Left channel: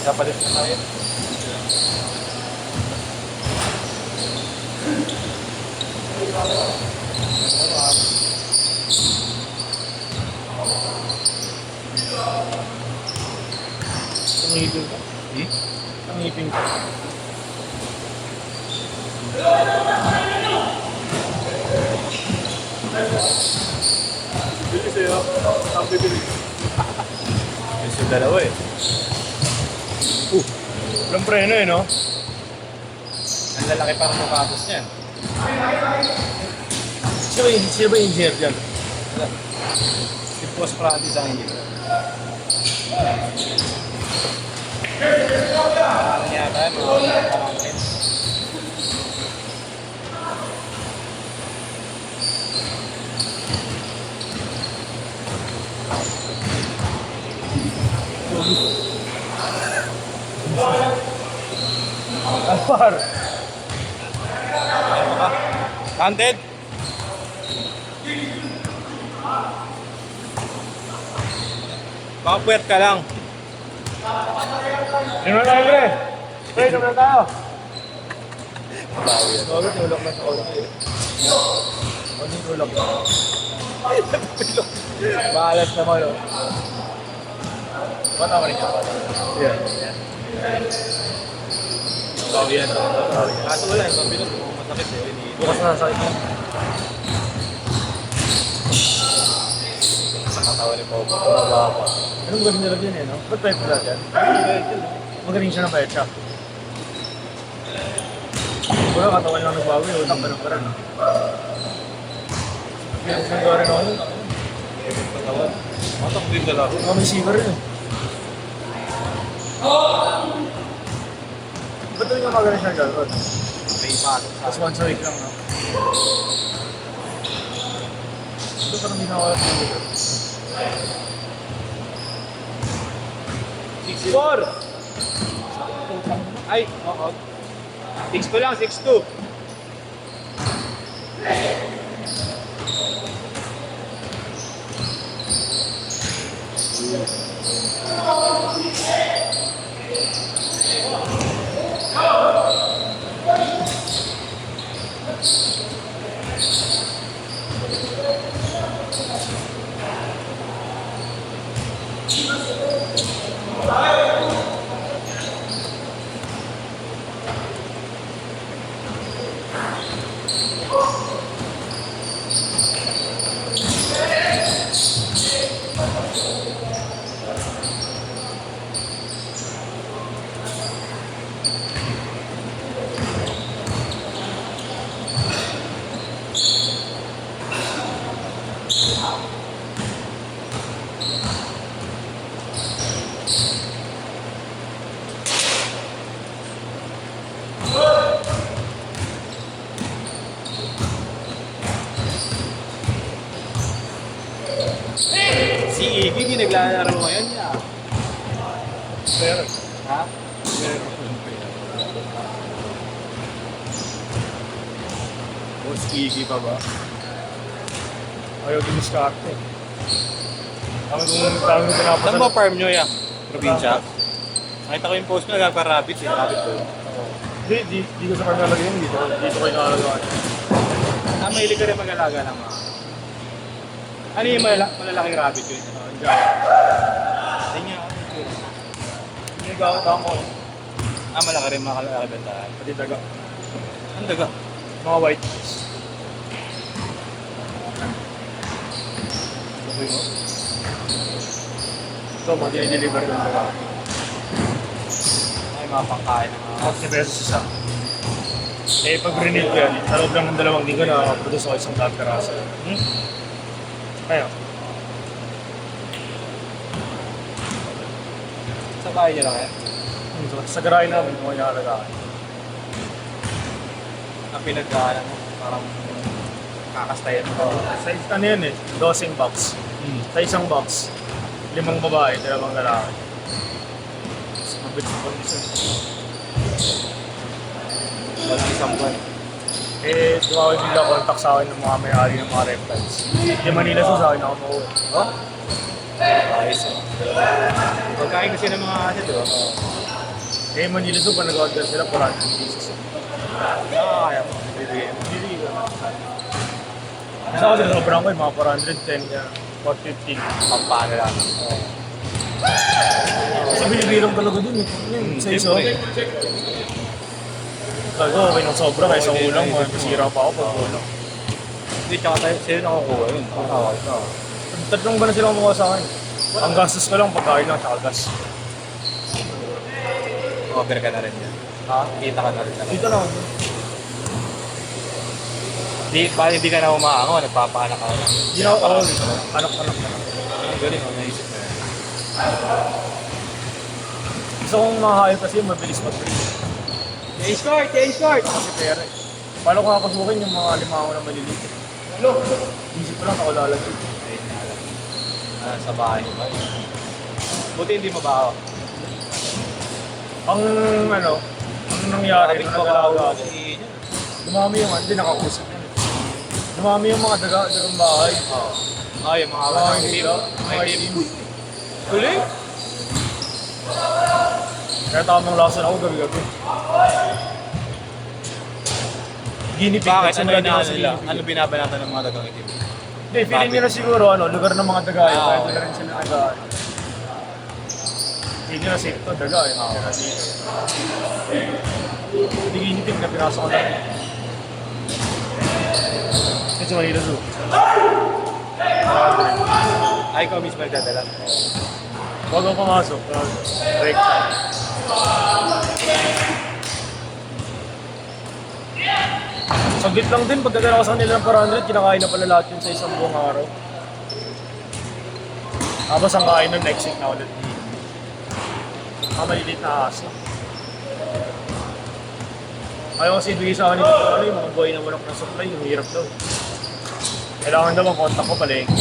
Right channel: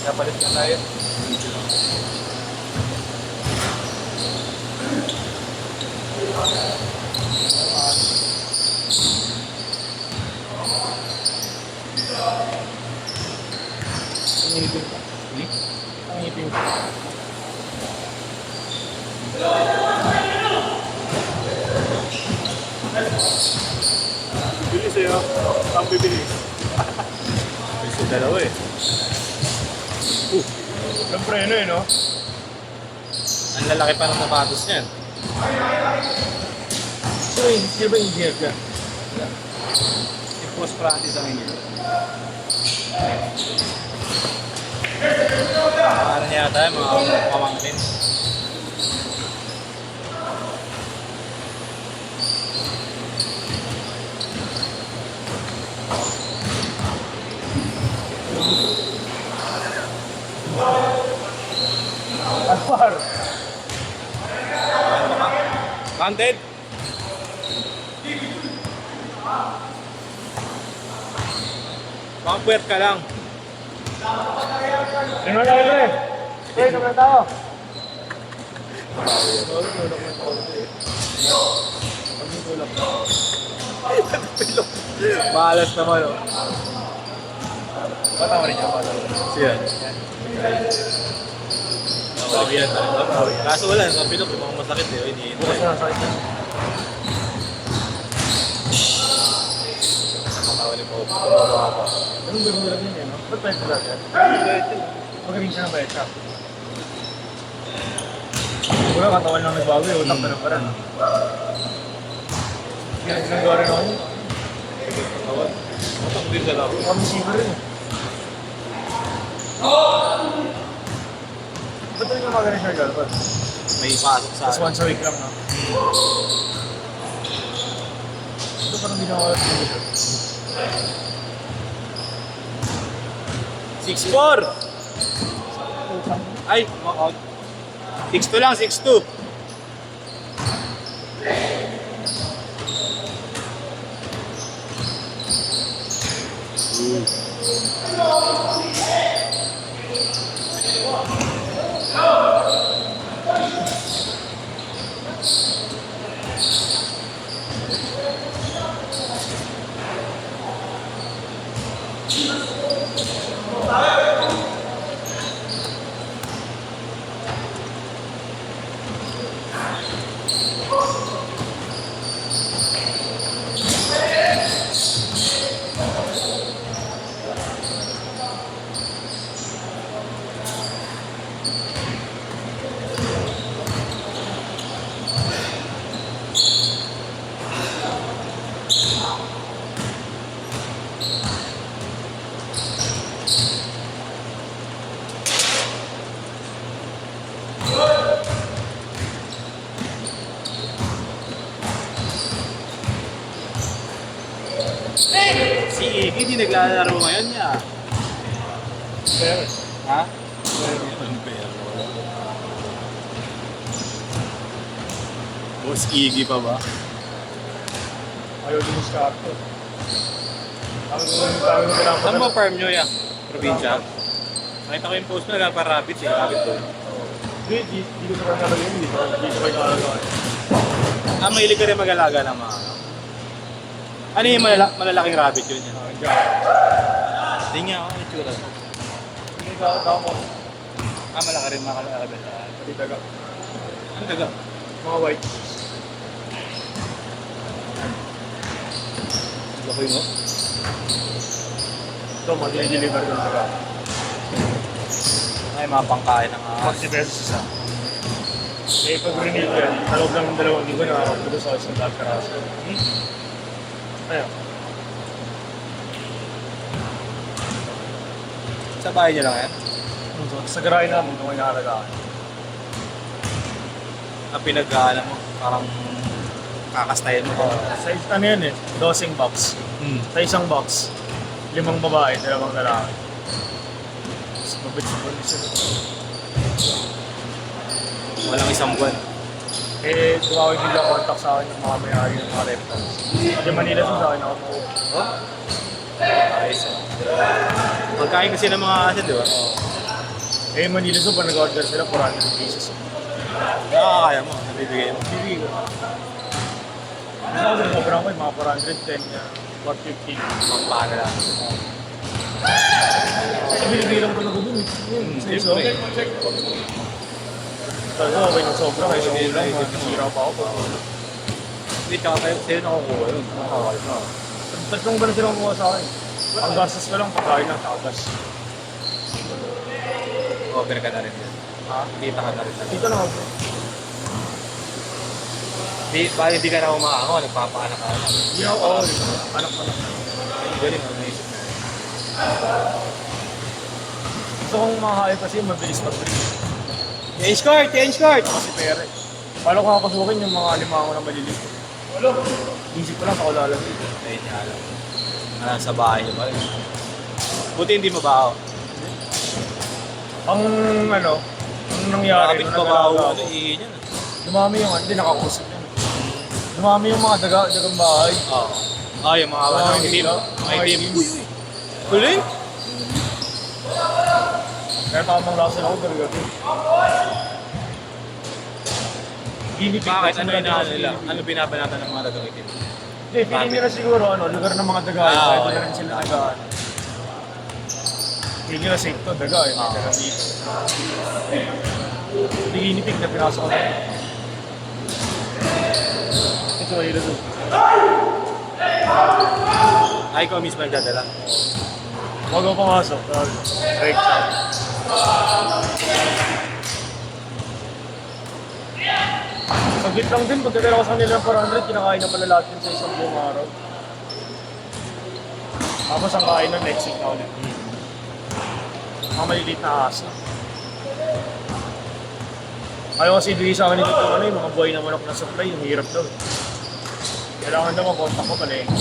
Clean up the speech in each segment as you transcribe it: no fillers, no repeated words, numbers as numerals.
Kapalit na tayo. Tumipin ka. Tumipin ka. Bili sa'yo. Ang bibili. Isa dalawa eh. Walang preno eh, no? Ang lalaki pa ng sapatos niya. Sino ba yung engineer dyan? Si Post Practice ang engineer. Ano niya tayo? Pamangkin. Alvar! Counted? Baka puwet ka lang. Ano na tayo, pre? Ano na tayo? Tulog na tulog. Tulog. Tulog. Mahalas naman, oh. Patawa rin niya, patawa. Siya. Oh, yan. Kaso wala, mapilok. Masakit eh. Bukas na sakit na. Nakatawa ni Pao. Tumaba pa. Anong galing nila dyan eh, no? Ba't tayo pala dyan? Magaling siya ng bayad siya. Wala, katawan lang nagbago eh. Utak ka ng parang. Ginagawa rin ako yun. Katawan. Matak din ka lang. Ako may sigar rin. Ba't rin nga magaling siya dyan? May pasok sa... Tapos once a week lang, no? Ito parang di nakawala sa video. 6'4". Ay, 6'2 lang, 6'2". Hindi naglalaro ngayon niya. Pero, ha? Pero, Boss Iggy pa ba? Ayaw din sa karte. Saan mo farm nyo yan? Probinsya? Nakita ko yung post nyo, nagpa-rabbit eh. Rabbit ko. Hindi ko sa farm nalagyan dito. Dito ko yung nakalagawan. Mahilig ka rin mag-alaga ng mga. Ano yung malalaking rabbit yun? Hindi nga ako itsura. Hindi ka ako. Malaki rin mga rabbit. Pati daga. Ano daga? Mga white. Laki mo. Ito, mag-deliver ko daga. Ay, mga pangkain ng mga. 40 pesos isa. Eh, pag renil ko yan, sa loob ng 2 linggo na produce ako isang lahat karasa. Ayun. Sa bahay niya lang yan? Sa garahe namin, kung nakalagaan. Ang pinag-aalam mo, parang kakastayan mo. Sa ano yan eh, 12 box. Sa isang box, 5 babae, 2 lalaki. Mas mabit sa kondisyon. Walang isang buwan. Eh, tumawag bigla contact sa akin ng mga may-ari ng mga reptiles. Hindi Manila siya sa akin ako. Oh? Ayos eh. Pagkain kasi ng mga kasi, di ba? Eh, Manila Zoo, pa nag-order sila, 400 pieces. Kaya mo. Bibigyan mo. Hindi ka. Gusto ko sila sobrang ko, mga 410 niya, 450. Pampano lang. Sa binibirang talaga dun eh. Sa iso. Sabi ko, okay nang sobra, kaya sa ulang, masira pa ako. Kita tayo sa'yo nakukuha yun. Nakakawal na. Tatlong ba na silang kumuha sa akin? Ang gastos ko lang, pagkain lang, tsaka gas. Over ka na rin. Ha? Kita ka na rin. Dito lang ako. Hindi ka na umaango, nagpapaanak ka. Hindi na ako parang anak-anak na. Galing ang naisip mo. Gusto kong makakain kasi yung mabilis mag-break. Change court! Change court! Kasi pera eh. Paano ko kakasukin yung mga limango na maliliit? Walo! Isip ko lang sa kulalan dito. Ayun nga. Nasa bahay niyo ba? Buti hindi mo ba ako? Ang nangyari nung nag-alaga ako, Yun. dumami yung hindi nakakusap yun. Dumami yung mga dagang bahay. Ay, yung mga Mga team. hindi May team. Huli? Kaya tamang lason ako gabi-gabi. Guinea pig. Bakit? Ano sobrang yung dito sa nila? guinea pig. Ano binabanatan ng mga dagang team? Hindi, feeling nila siguro lugar ng mga daga yun. Kaya doon na rin sila nagaan. Feeling nila safe to, daga yun. Mga daga dito. Guinea pig na pinasok ko lang. Ito Manila Zoo. Ay, ikaw mismo yung dadala. Huwag ako pumasok. Break time. Saglit lang din, pagdadala ko sa kanila ng 400, kinakain na pala lahat yun sa isang buong araw. Tapos ang kain ng next week na ulit. Mga maliliit na asa. Ayaw kasi ibigay sa akin ito yung mga buhay na manok na supply, yung hirap daw. Kailangan daw mag-contact ko palengke.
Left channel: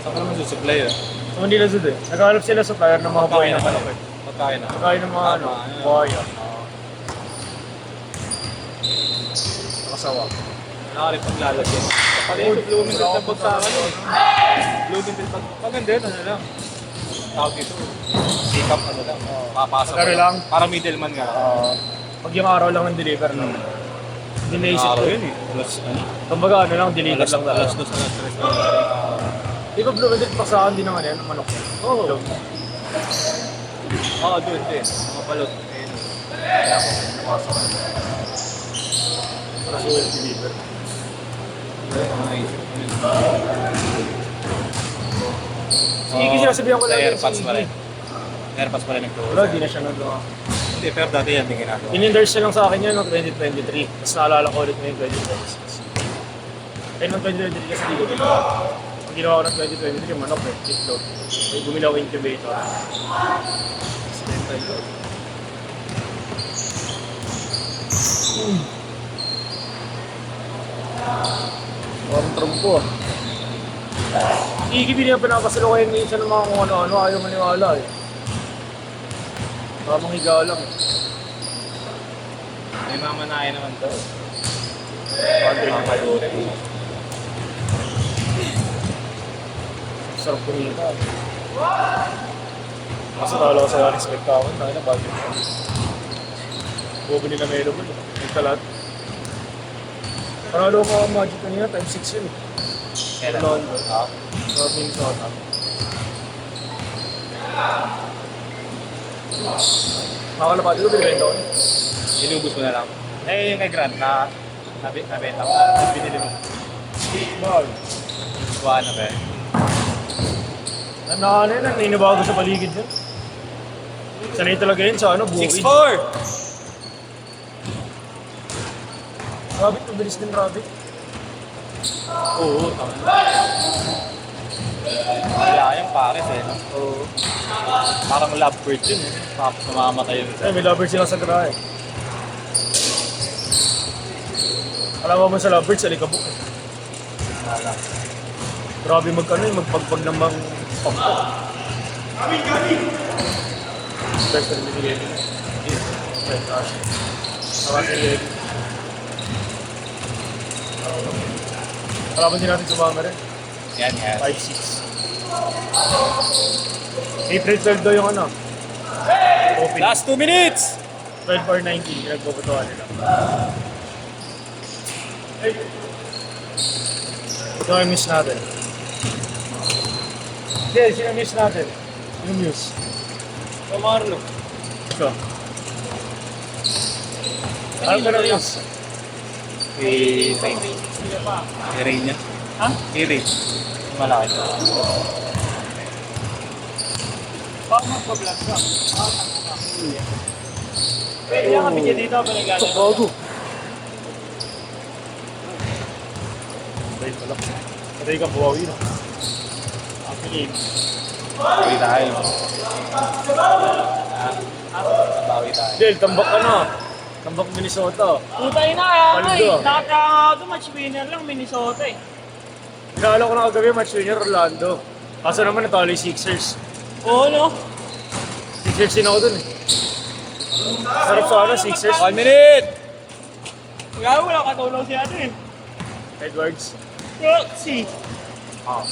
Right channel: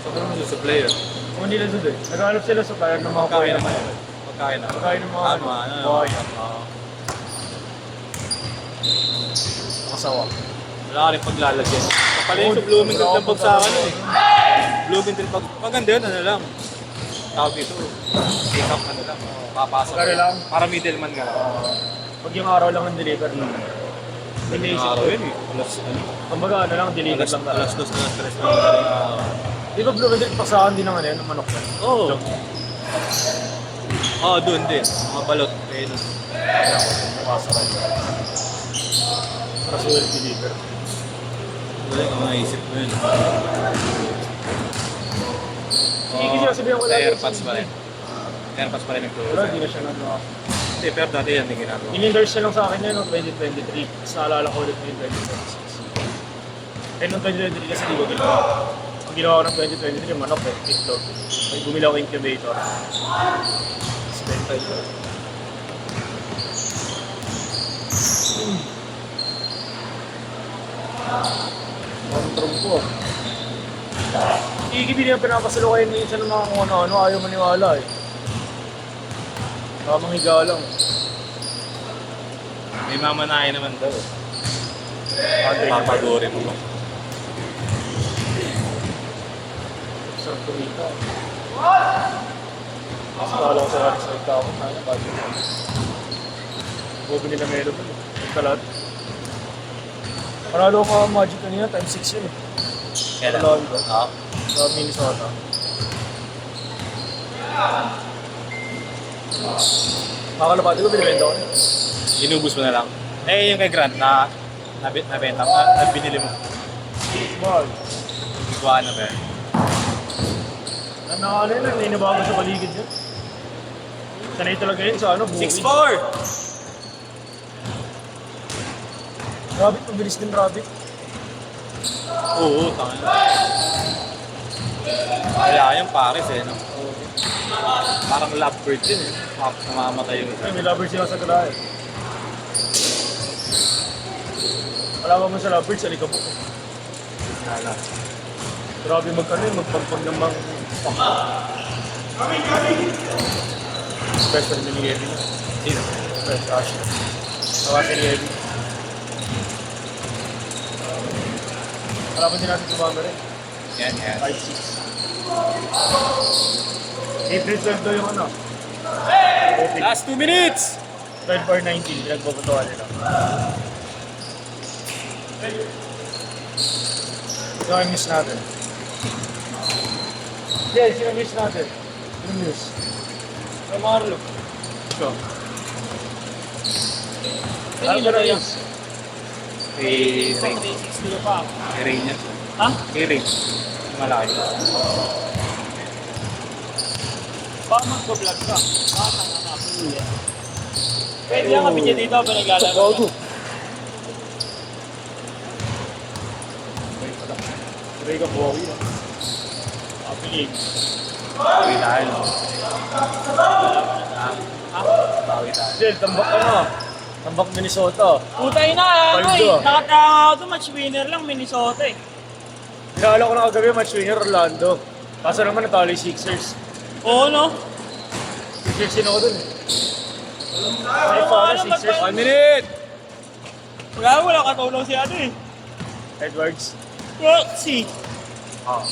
Saan ka naman susupply yun? Kung hindi lang doon eh. Naghahanap sila sa supplier ng mga buhay na manok. Pagkain na. Pagkain ng mga Tama, buhay. Nakasawa. Wala ka rin paglalagyan. Pala Oo, yung Bloomingdale wala na akong pag sa akin paglalagyan. eh. Bloomingdale pag... Maganda yun, ano lang. Tawag ito. Pick up ano lang. Papasa Kari lang. Para middleman ka lang. Pag yung araw lang ng deliver lang. Hindi naisip Araw ko. yun eh. Alas ano? Kumbaga ano lang, deliver lang. Alas 2, alas 3 lang. Di ba Bloomingdale pasahan din ng ano yan, ng manok yan? Oo. Dog. Oo, doon din. Mga balot. Ayun. Kaya ako din, napasa ka. Para sa well deliver. Hindi ko naisip ko yun. Sige, sinasabihan ko lang yun. Airpods pa rin. Airpods pa rin nagtuwa. Wala, di na siya nagawa. Hindi, pero dati yan din ginagawa. In-endorse siya lang sa akin yan noong 2023. Tapos naalala ko ulit ngayon 2026. Eh, noong 2023 kasi di ko ginawa. Ang ginawa ko ng 2023, manok eh, itlog. May bumili ako incubator. Accidental yun. Control ko ah. Igibili na pinapasalokayan minsan ng mga kung ano-ano, ayaw maniwala eh. Tamang higa lang. May mamanahin naman to. Andre na pa yun. Palurin mo. Sarap kumita. Mas nakala ko sa respect ako. Sana bago yun. Bobo nila melo ba? Nagkalat. Panalo ko ang Magic kanina, times 6 yun eh. Orlando. Sa Minnesota. Makakalapati ko, binibenta ko na. Inubos mo na lang. Eh, yung kay Grant na nabenta mo, binili mo. Mahal. Buwan na ba yan? Ano yun, naninibago sa paligid yun. Sanay talaga yun sa ano, bukid. 6'4". Rabbit, mabilis din rabbit. Oo. Kaya yan Paris eh. No? Oo. Parang lovebird yun eh. Namamatay yun. Ay, may lovebird sila sa grahe. Wala mo sa lovebird, sa likabo. Nala. Grabe magkano yun, magpagpag ng mga special ni Yedi. Special kasi. Tawa si Yedi. Wala pa din natin sumama rin. Yan, yan. 5-6. April 12 daw yung ano. Open. Last 2 minutes! 12 or 19, pinagpuputuan nila. Ito ay miss natin. Hindi, sino miss natin? Sino miss? Marlo. Siya. Ano ka na miss? Si May 360 pa. Ray niya. Ha? Si Ray. Malaki. Baka mag-vlog ka. Pwede lang kami dyan dito, pinaglalaro. Bago. Wait lang. Patay ka buhawi na. Sige. Bawi tayo. Bawi tayo. Del, tambak ka na. Tambak Minnesota. Putay na, ano Paldo. eh. Nakatanga ako ito, match winner lang, Minnesota eh. Pinakala ko na kagabi, match winner Orlando. Kaso naman natalo yung Sixers. Oo, no? Sixers din ako dun eh. Sarap sa ano, Sixers. 1 minute! Wala katulong si ano eh. Edwards. Si. Oh.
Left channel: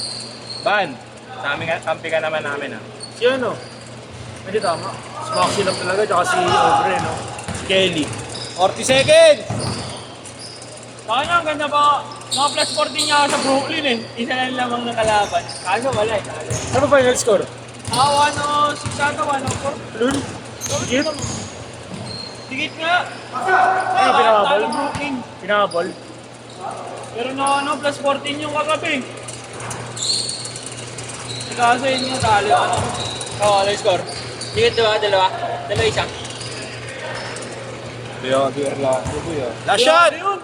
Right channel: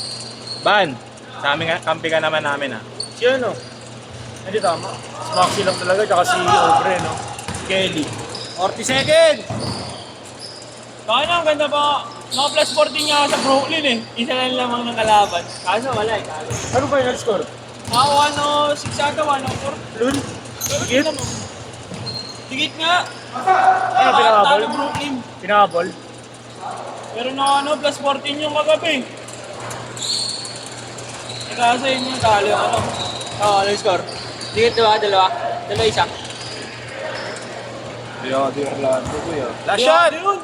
Ban, sa amin nga, kampi ka naman namin ah. Si ano? Hindi tama. Si Maxi lang talaga, tsaka si Obre, no? Kelly. 40 seconds! Baka na, ang ganda pa. Naka plus 14 niya ako sa Brooklyn eh. Isa lang lang ang nakalaban. Kaso wala eh, kala. Ano final score? Ah, 1-6 ata, 1-4. Lul? Sigit? Sigit nga. Ano, pinakabol? Talo Brooklyn. Pinakabol? Pero na plus 14 yung kagabi. Kaso yun yung talo. Oo, ano yung score? Sigit diba? Dalawa isa. Kuya, di Orlando kuya. Last shot! Yun!